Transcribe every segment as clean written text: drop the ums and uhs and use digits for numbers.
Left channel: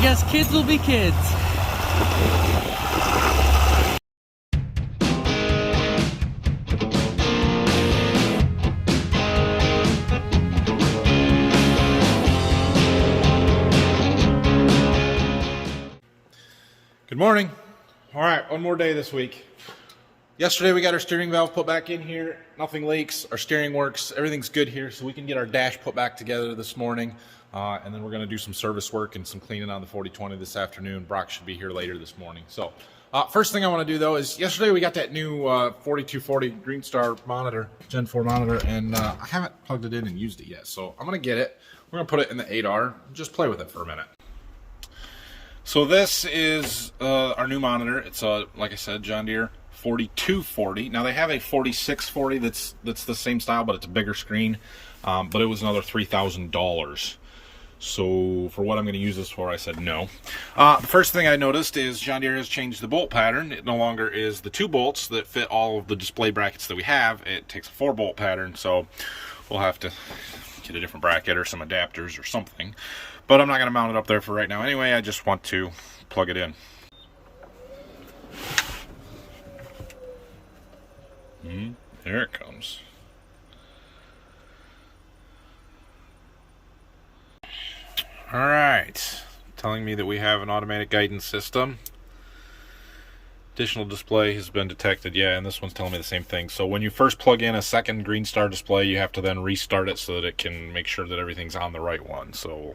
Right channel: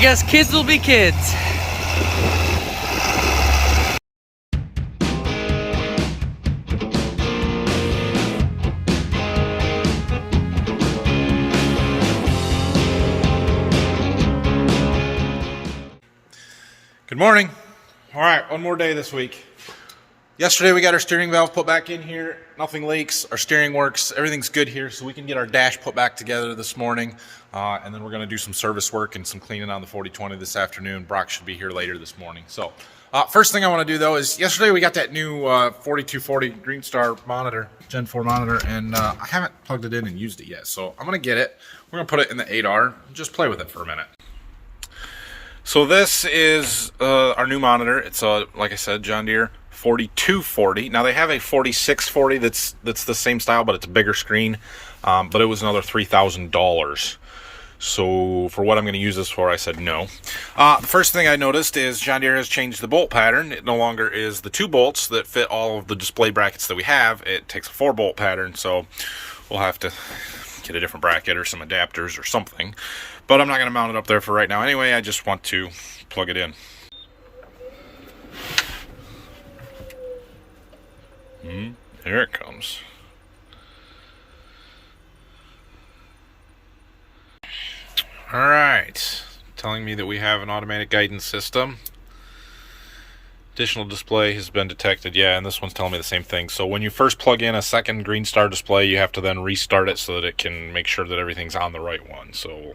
guess kids will be kids. Good morning. All right, one more day this week. Yesterday we got our steering valve put back in here. Nothing leaks. Our steering works. Everything's good here, so we can get our dash put back together this morning. And then we're going to do some service work and some cleaning on the 4020 this afternoon. Brock should be here later this morning. So first thing I want to do, though, is yesterday we got that new 4240 Greenstar monitor, Gen 4 monitor, and I haven't plugged it in and used it yet. So I'm going to get it. We're going to put it in the 8R and just play with it for a minute. So this is our new monitor. It's like I said, John Deere 4240. Now they have a 4640 that's the same style, but it's a bigger screen. But it was another $3,000. So for what I'm going to use this for, I said no. The first thing I noticed is John Deere has changed the bolt pattern. It no longer is the 2 bolts that fit all of the display brackets that we have. It takes a 4 bolt pattern. So we'll have to get a different bracket or some adapters or something. But I'm not going to mount it up there for right now anyway. I just want to plug it in. There it comes. All right. Telling me that we have an automatic guidance system. Additional display has been detected. Yeah, and this one's telling me the same thing. So when you first plug in a second Greenstar display, you have to then restart it so that it can make sure that everything's on the right one. So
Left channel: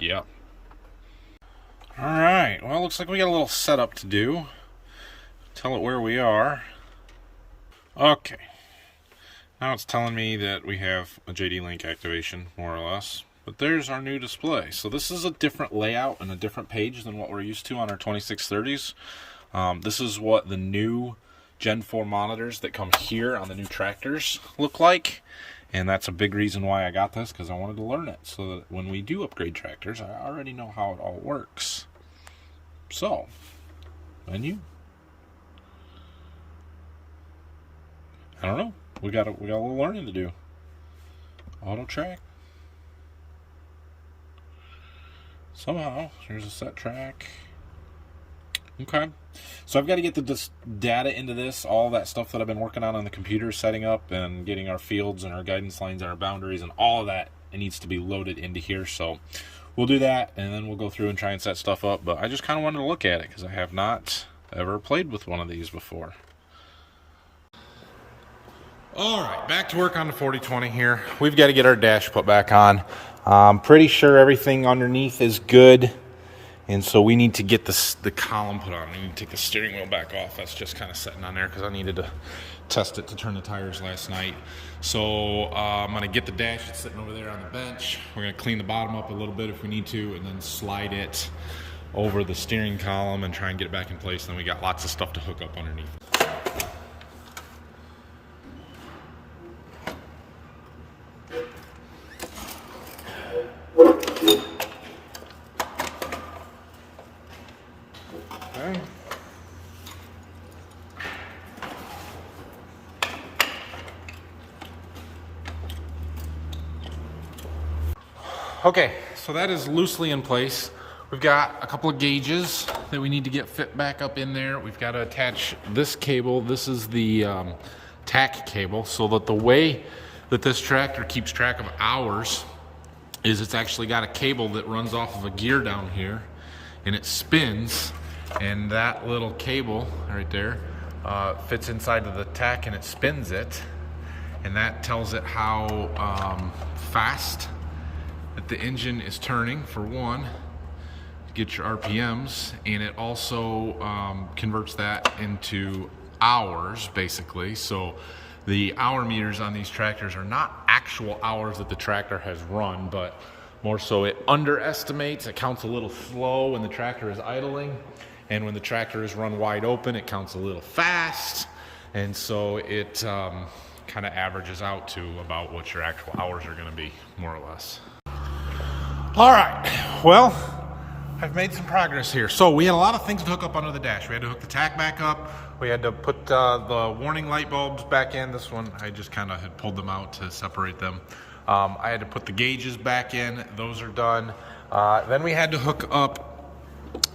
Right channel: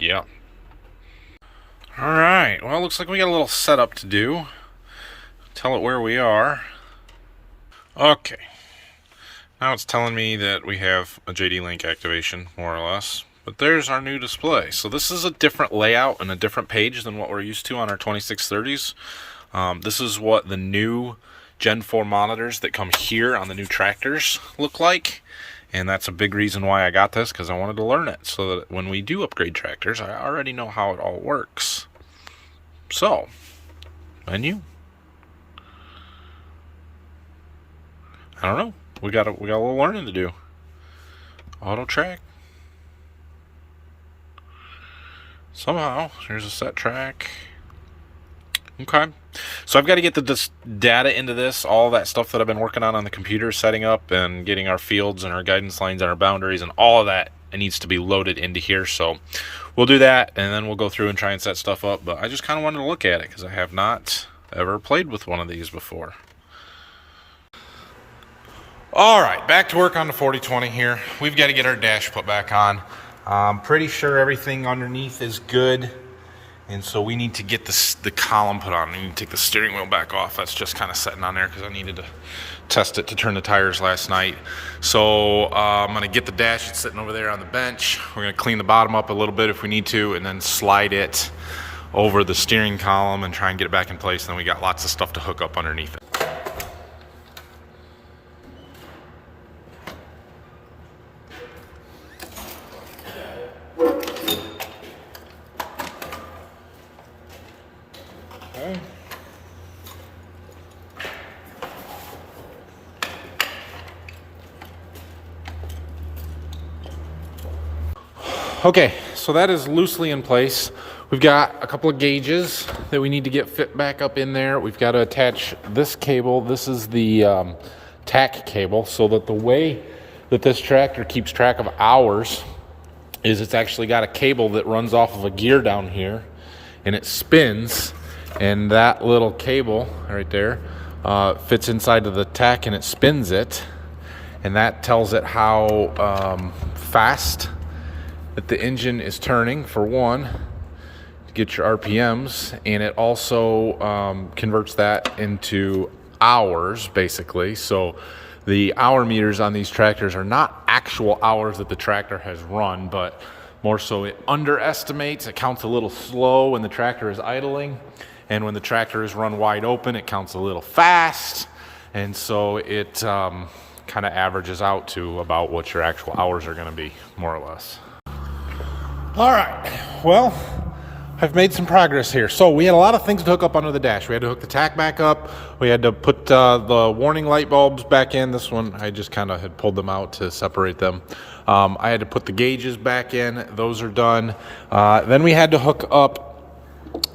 yeah. All right. Well, looks like we got a little setup to do. Tell it where we are. Okay. Now it's telling me that we have a JD Link activation, more or less. But there's our new display. So this is a different layout and a different page than what we're used to on our 2630s. This is what the new Gen 4 monitors that come here on the new tractors look like. And that's a big reason why I got this, because I wanted to learn it so that when we do upgrade tractors, I already know how it all works. So, menu. I don't know. We got a little learning to do. Auto track. Somehow, here's a set track. Okay. So I've got to get the data into this, all that stuff that I've been working on the computer, setting up and getting our fields and our guidance lines and our boundaries and all of that. It needs to be loaded into here. So we'll do that, and then we'll go through and try and set stuff up. But I just kind of wanted to look at it because I have not ever played with one of these before. All right, back to work on the 4020 here. We've got to get our dash put back on. I'm pretty sure everything underneath is good. And so we need to get the column put on. We need to take the steering wheel back off. That's just kind of sitting on there because I needed to test it to turn the tires last night. So I'm going to get the dash. It's sitting over there on the bench. We're going to clean the bottom up a little bit if we need to, and then slide it over the steering column and try and get it back in place. And then we got lots of stuff to hook up underneath it. Okay, so that is loosely in place. We've got a couple of gauges that we need to get fit back up in there. We've got to attach this cable. This is the tack cable, so that the way that this tractor keeps track of hours is it's actually got a cable that runs off of a gear down here, and it spins, and that little cable right there fits inside of the tack, and it spins it, and that tells it how fast that the engine is turning, for one, to get your RPMs, and it also converts that into hours, basically. So the hour meters on these tractors are not actual hours that the tractor has run, but more so it underestimates. It counts a little slow when the tractor is idling, and when the tractor is run wide open, it counts a little fast, and so it kind of averages out to about what your actual hours are going to be, more or less. All right, well, I've made some progress here. So we had a lot of things to hook up under the dash. We had to hook the tack back up. We had to put the warning light bulbs back in. This one, I just kind of had pulled them out to separate them. I had to put the gauges back in. Those are done. Then we had to hook up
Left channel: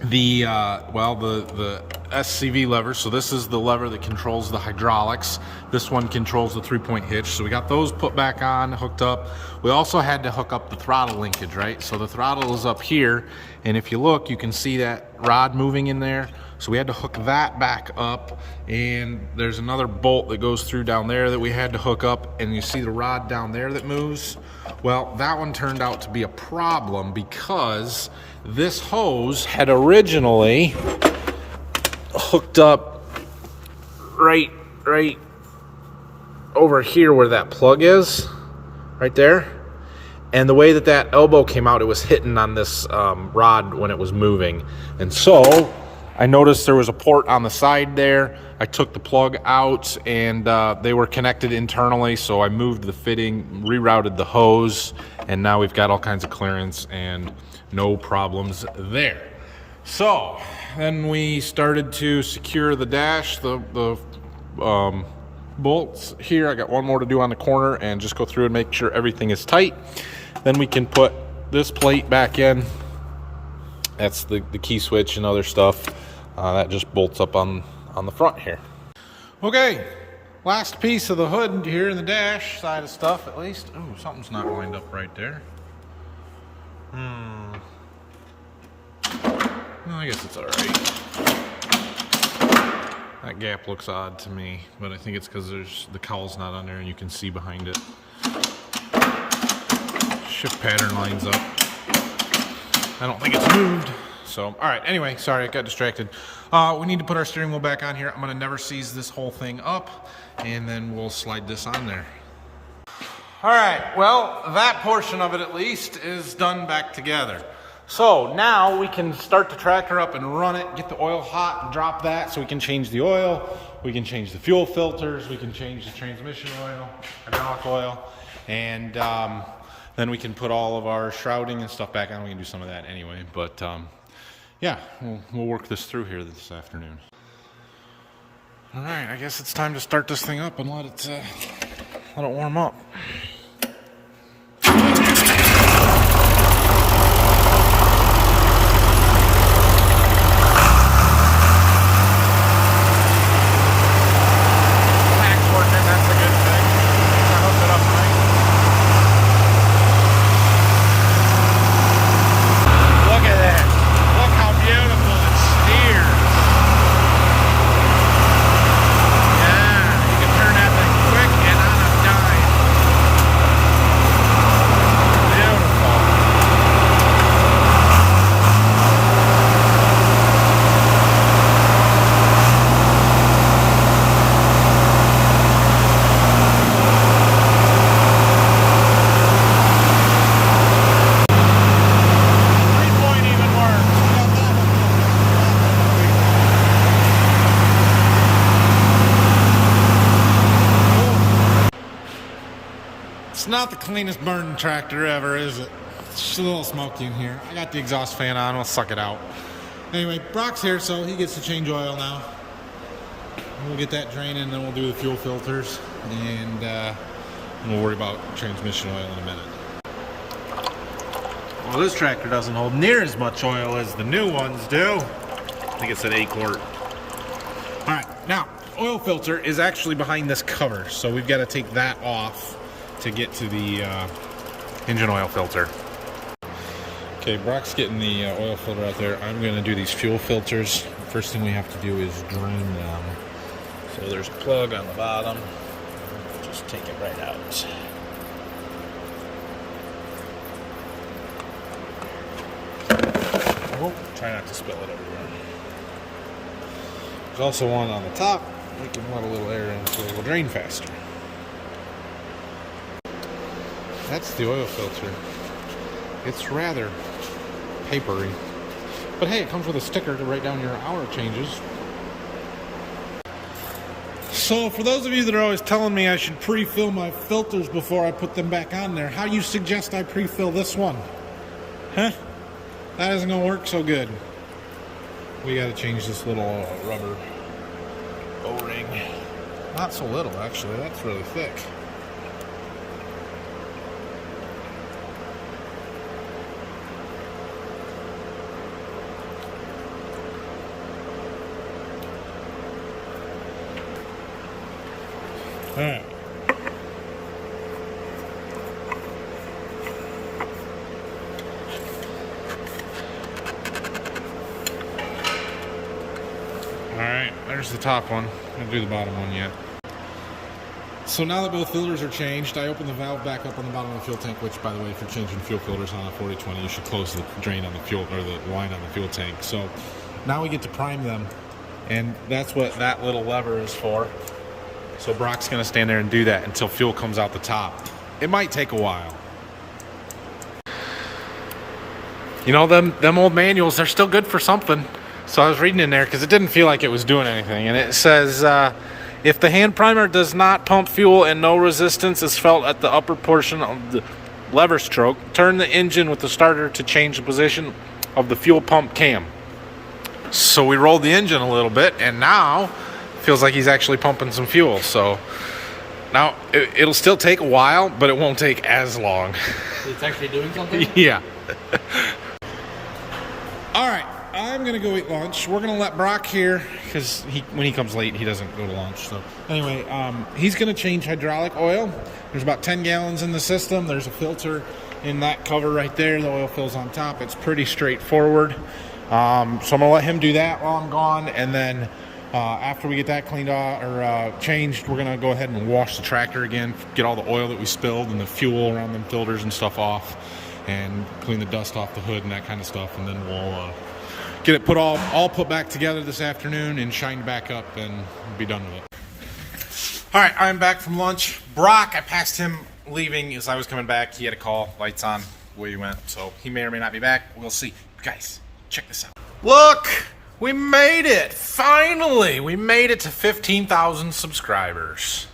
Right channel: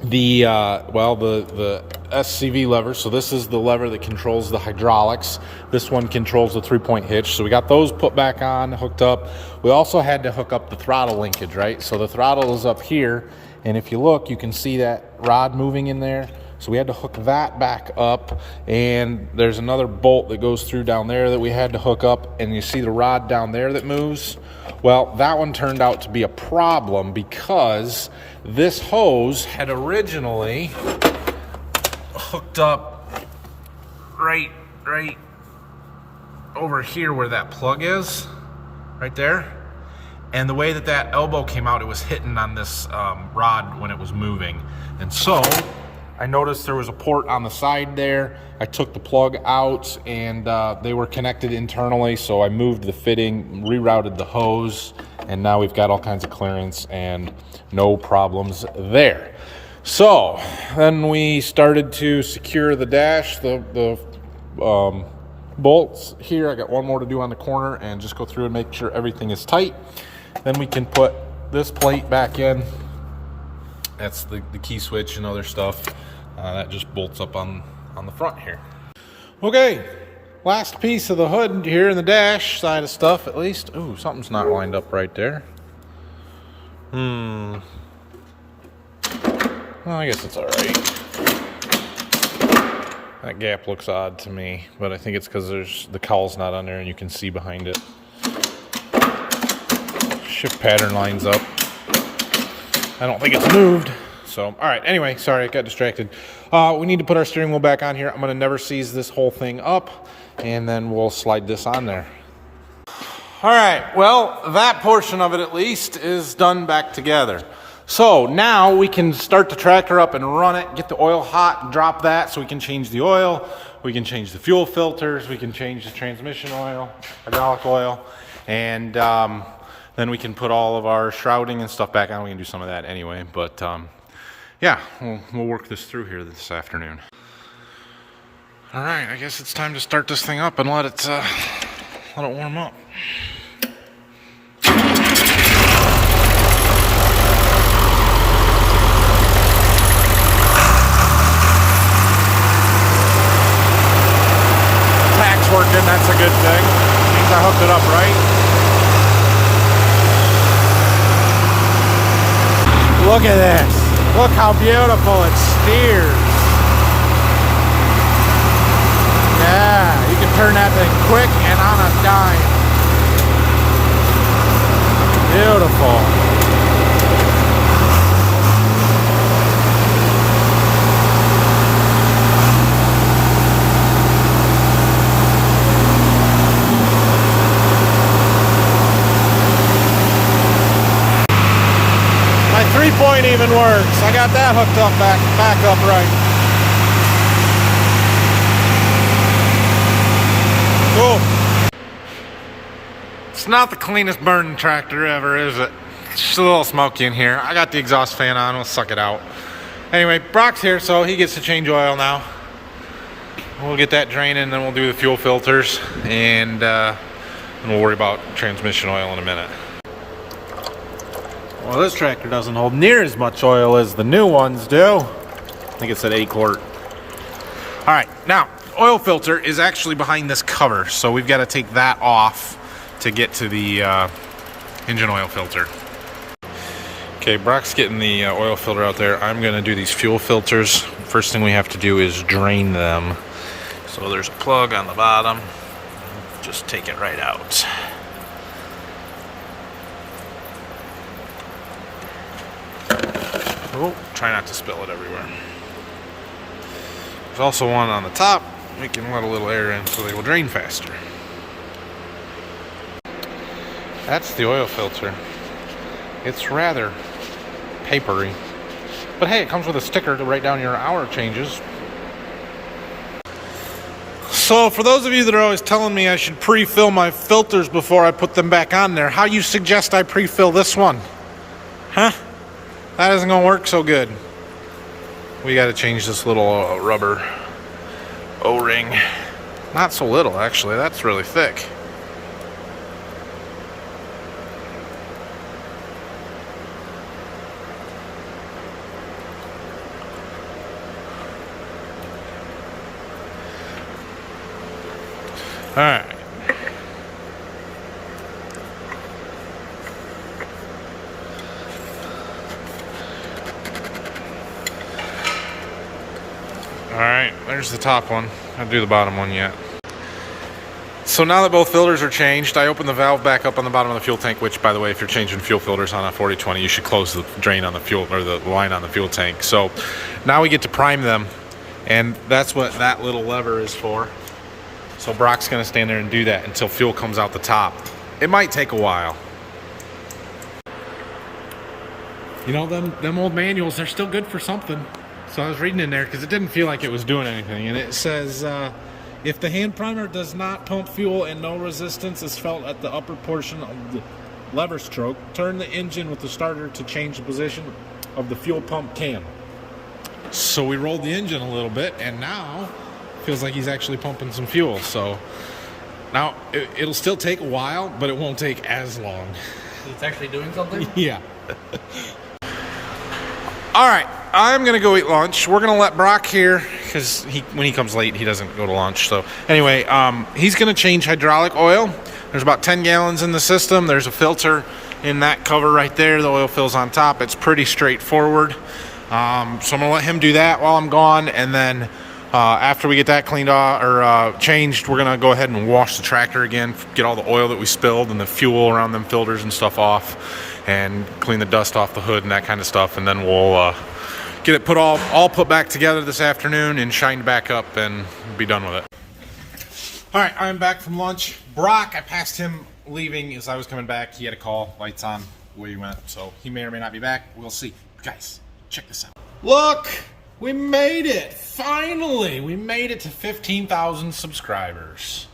the SCV lever. So this is the lever that controls the hydraulics. This one controls the 3-point hitch. So we got those put back on, hooked up. We also had to hook up the throttle linkage, right? So the throttle is up here, and if you look, you can see that rod moving in there. So we had to hook that back up, and there's another bolt that goes through down there that we had to hook up, and you see the rod down there that moves. Well, that one turned out to be a problem because this hose had originally hooked up right over here where that plug is, right there. And the way that that elbow came out, it was hitting on this rod when it was moving. And so I noticed there was a port on the side there. I took the plug out, and they were connected internally, so I moved the fitting, rerouted the hose, and now we've got all kinds of clearance and no problems there. So then we started to secure the dash, the bolts here. I got one more to do on the corner and just go through and make sure everything is tight. Then we can put this plate back in. That's the key switch and other stuff. That just bolts up on the front here. Okay, last piece of the hood here in the dash side of stuff, at least. Ooh, something's not lined up right there. Well, I guess it's all right. That gap looks odd to me, but I think it's because the cowl's not on there and you can see behind it. Shift pattern lines up. I don't think it's moved. So, all right, anyway, sorry, I got distracted. We need to put our steering wheel back on here. I'm gonna never seize this whole thing up, and then we'll slide this on there. All right, well, that portion of it at least is done back together. So now we can start the tractor up and run it, get the oil hot and drop that so we can change the oil, we can change the fuel filters, we can change the transmission oil, hydraulic oil, and then we can put all of our shrouding and stuff back on. We can do some of that anyway, but yeah, we'll work this through here this afternoon. All right, I guess it's time to start this thing up and let it warm up. Beautiful, it steers. Yeah, you can turn that thing quick and on a dime. Beautiful. My 3-point even works. I got that hooked up back up right. Cool. It's not the cleanest burning tractor ever, is it? It's just a little smoky in here. I got the exhaust fan on. We'll suck it out. Anyway, Brock's here, so he gets to change oil now. We'll get that draining, then we'll do the fuel filters, and we'll worry about transmission oil in a minute. Well, this tractor doesn't hold near as much oil as the new ones do. I think it's an 8-quart. All right, now, oil filter is actually behind this cover, so we've got to take that off to get to the engine oil filter. Okay, Brock's getting the oil filter out there. I'm going to do these fuel filters. First thing we have to do is drain them. So there's a plug on the bottom. Just take it right out. Oh, try not to spill it everywhere. There's also one on the top. We can let a little air in so they will drain faster. That's the oil filter. It's rather papery. But hey, it comes with a sticker to write down your hour changes. So for those of you that are always telling me I should pre-fill my filters before I put them back on there, how you suggest I pre-fill this one? Huh? That isn't gonna work so good. We got to change this little rubber O-ring. Not so little, actually. That's really thick. All right. All right, there's the top one. I'll do the bottom one yet. So now that both filters are changed, I opened the valve back up on the bottom of the fuel tank, which, by the way, if you're changing fuel filters on a 4020, you should close the drain on the fuel, or the line on the fuel tank. So now we get to prime them, and that's what that little lever is for. So Brock's gonna stand there and do that until fuel comes out the top. It might take a while. You know, them old manuals, they're still good for something. So I was reading in there because it didn't feel like it was doing anything. And it says, if the hand primer does not pump fuel and no resistance is felt at the upper portion of the lever stroke, turn the engine with the starter to change the position of the fuel pump cam. So we rolled the engine a little bit, and now it feels like he's actually pumping some fuel. So now it'll still take a while, but it won't take as long. It's actually doing something? Yeah. All right. I'm gonna go eat lunch. We're gonna let Brock here because when he comes late, he doesn't go to lunch. So anyway, he's gonna change hydraulic oil. There's about 10 gallons in the system. There's a filter in that cover right there. The oil fills on top. It's pretty straightforward. So I'm gonna let him do that while I'm gone, and then after we get that cleaned off or changed, we're gonna go ahead and wash the tractor again, get all the oil that we spilled and the fuel around them filters and stuff off, and clean the dust off the hood and that kind of stuff, and then we'll get it all put back together this afternoon and shined back up and be done with it. All right, I'm back from lunch. Brock, I passed him leaving as I was coming back. He had a call, lights on, where he went. So he may or may not be back. We'll see. Guys, check this out. Look, we made it. Finally, we made it to 15,000 subscribers.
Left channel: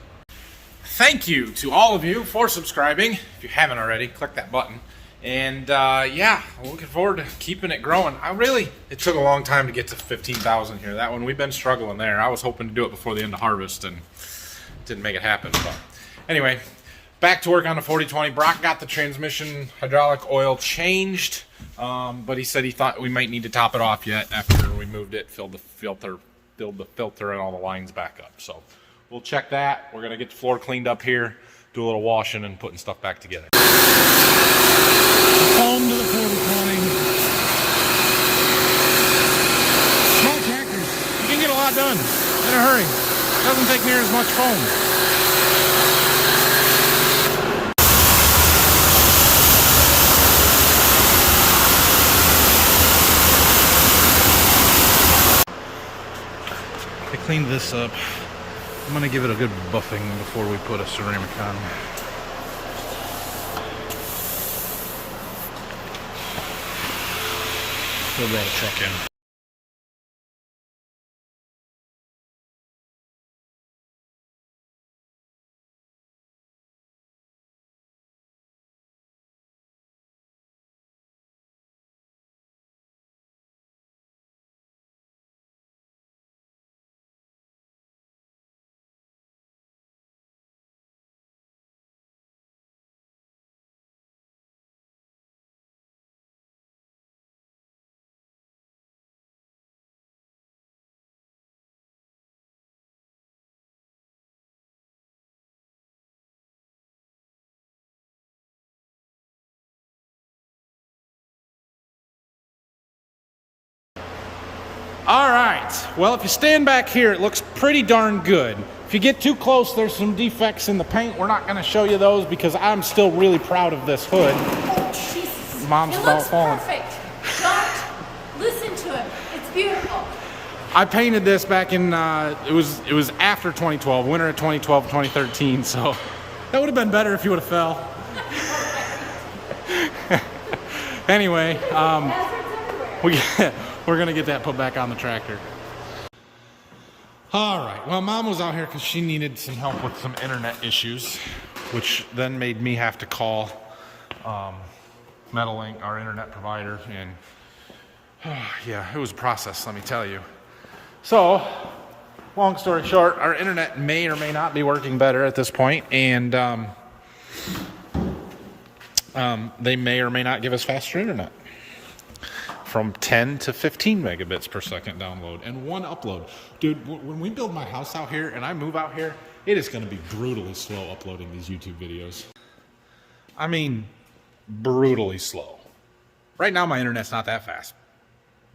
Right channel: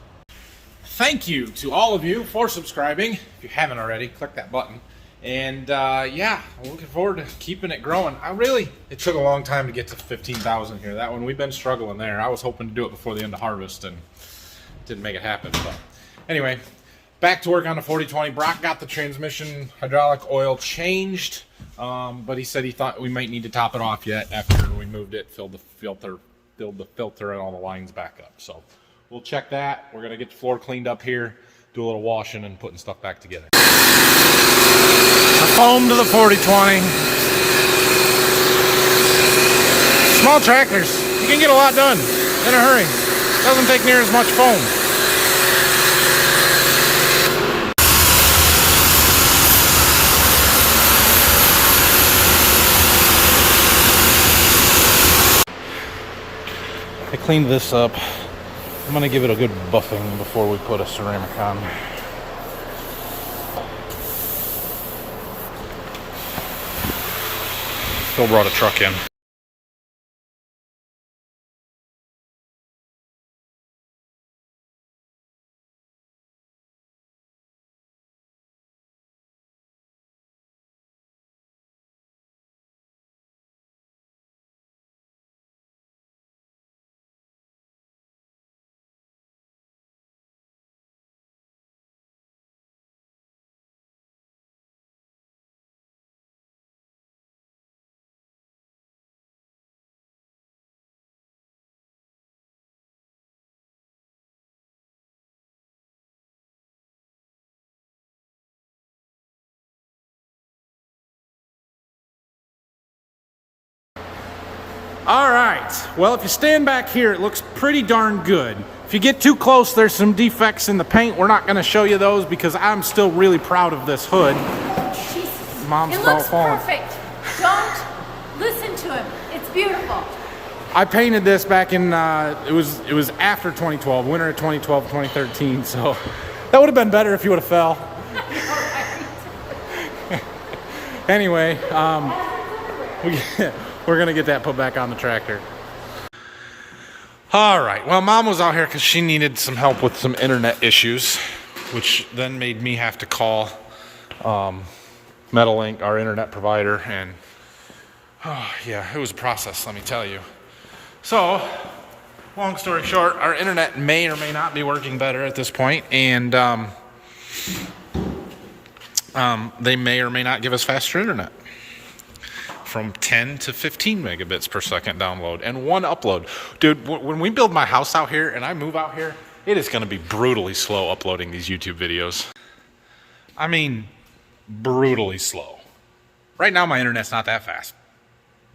Thank you to all of you for subscribing. If you haven't already, click that button. And yeah, I'm looking forward to keeping it growing. It took a long time to get to 15,000 here. That one, we've been struggling there. I was hoping to do it before the end of harvest and didn't make it happen. But anyway, back to work on the 4020. Brock got the transmission hydraulic oil changed, but he said he thought we might need to top it off yet after we moved it, filled the filter and all the lines back up. So we'll check that. We're gonna get the floor cleaned up here, do a little washing and putting stuff back together. I foamed to the 4020. Small tractors, you can get a lot done in a hurry. Doesn't take near as much foam. I cleaned this up. I'm gonna give it a good buffing before we put a ceramic on. Phil brought a truck in. All right, well, if you stand back here, it looks pretty darn good. If you get too close, there's some defects in the paint. We're not gonna show you those because I'm still really proud of this hood. Jesus. Mom's it about looks falling. Perfect. Don't listen to him. It's beautiful. I painted this back in, it was after 2012, winter of 2012, 2013, so that would have been better if you would have fell. Anyway, we're gonna get that put back on the tractor. All right, well, Mom was out here because she needed some help with some internet issues, which then made me have to call Metalink, our internet provider, and Oh, yeah, it was a process, let me tell you. So, long story short, our internet may or may not be working better at this point, and they may or may not give us faster internet. From 10 to 15 megabits per second download and 1 upload. Dude, when we build my house out here and I move out here, it is going to be brutally slow uploading these YouTube videos. I mean, brutally slow. Right now, my internet's not that fast,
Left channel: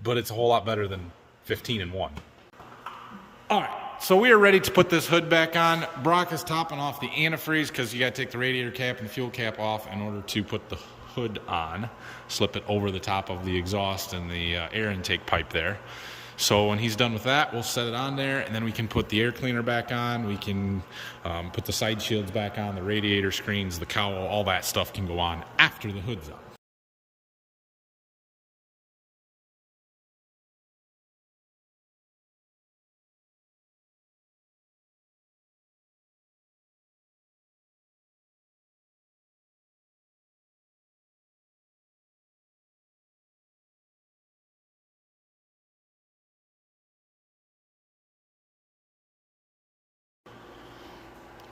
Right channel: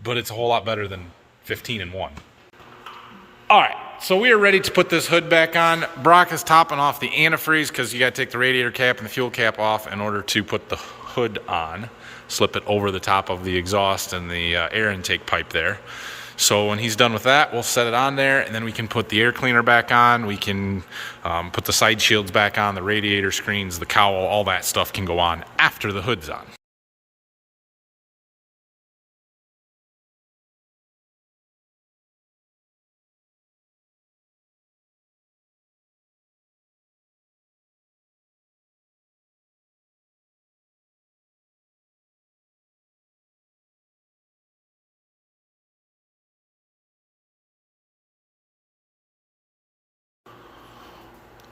but it's a whole lot better than 15 and 1. All right, so we are ready to put this hood back on. Brock is topping off the antifreeze because you got to take the radiator cap and the fuel cap off in order to put the hood on. Slip it over the top of the exhaust and the air intake pipe there. So when he's done with that, we'll set it on there, and then we can put the air cleaner back on. We can put the side shields back on, the radiator screens, the cowl, all that stuff can go on after the hood's on.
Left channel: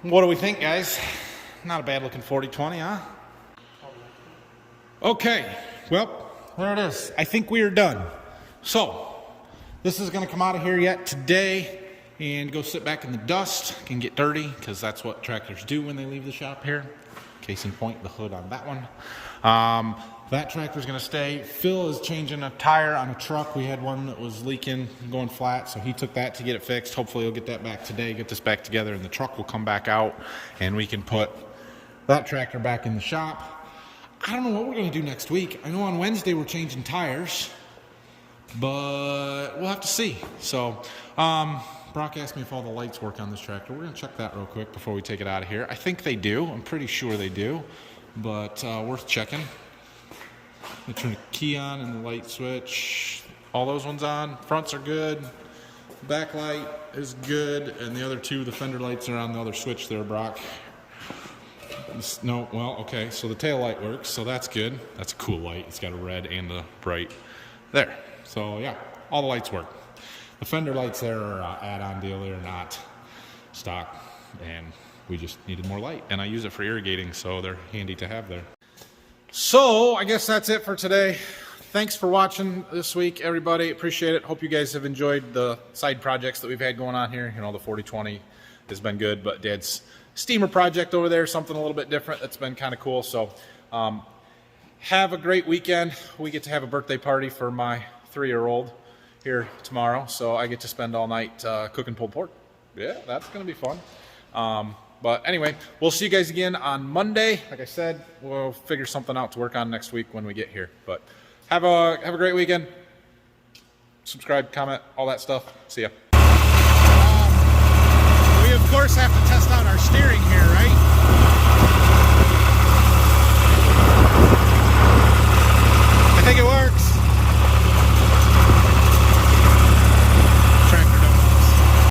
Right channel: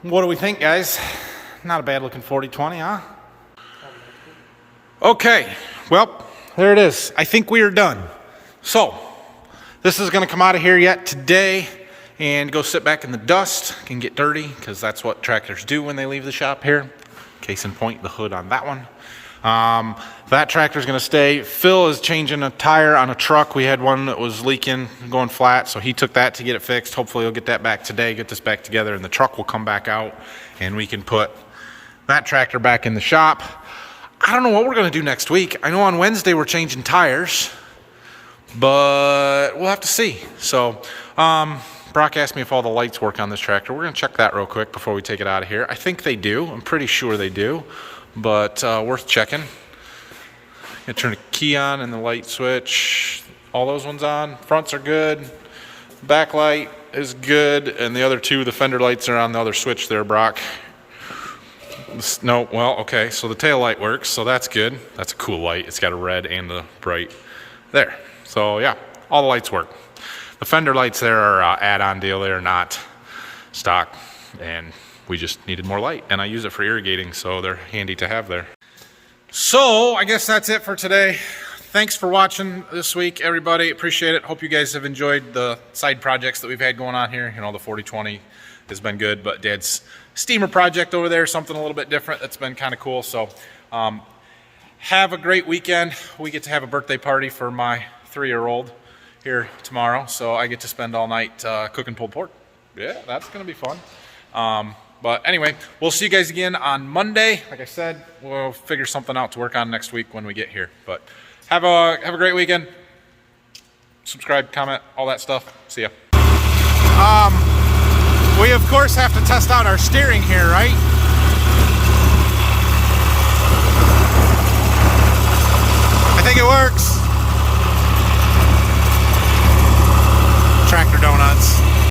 What do we think, guys? Not a bad looking 4020, huh? Okay, well, there it is. I think we are done. So, this is going to come out of here yet today and go sit back in the dust and get dirty, because that's what tractors do when they leave the shop here. Case in point, the hood on that one. That tractor's going to stay. Phil is changing a tire on a truck. We had one that was leaking, going flat, so he took that to get it fixed. Hopefully he'll get that back today, get this back together, and the truck will come back out, and we can put that tractor back in the shop. I don't know what we're going to do next week. I know on Wednesday we're changing tires, but we'll have to see. So, Brock asked me if all the lights work on this tractor. We're going to check that real quick before we take it out of here. I think they do. I'm pretty sure they do, but worth checking. Gonna turn the key on and the light switch. All those ones on. Fronts are good. Backlight is good, and the other two, the fender lights, are on the other switch there, Brock. No, well, okay, so the tail light works, so that's good. That's a cool light. It's got a red and a bright there. So yeah, all the lights work. The fender lights there are add-on deal. They're not stock, and we just needed more light, and I use it for irrigating, so they're handy to have there. So I guess that's it for today. Thanks for watching this week, everybody. Appreciate it. Hope you guys have enjoyed the side projects that we've had going on here. You know, the 4020 has been good, but Dad's steamer project over there, something a little bit different, that's been kind of cool. So have a great weekend. We get to have a birthday party for my 3-year-old here tomorrow, so I get to spend all night cooking pulled pork. Yeah, that's gonna be fun. But anyway, we'll see you guys again on Monday. Like I said, we'll figure something out to work on next week when we get here. But have a great weekend. Subscribe, comment, all that stuff. See ya. We of course have to test out our steering here, right?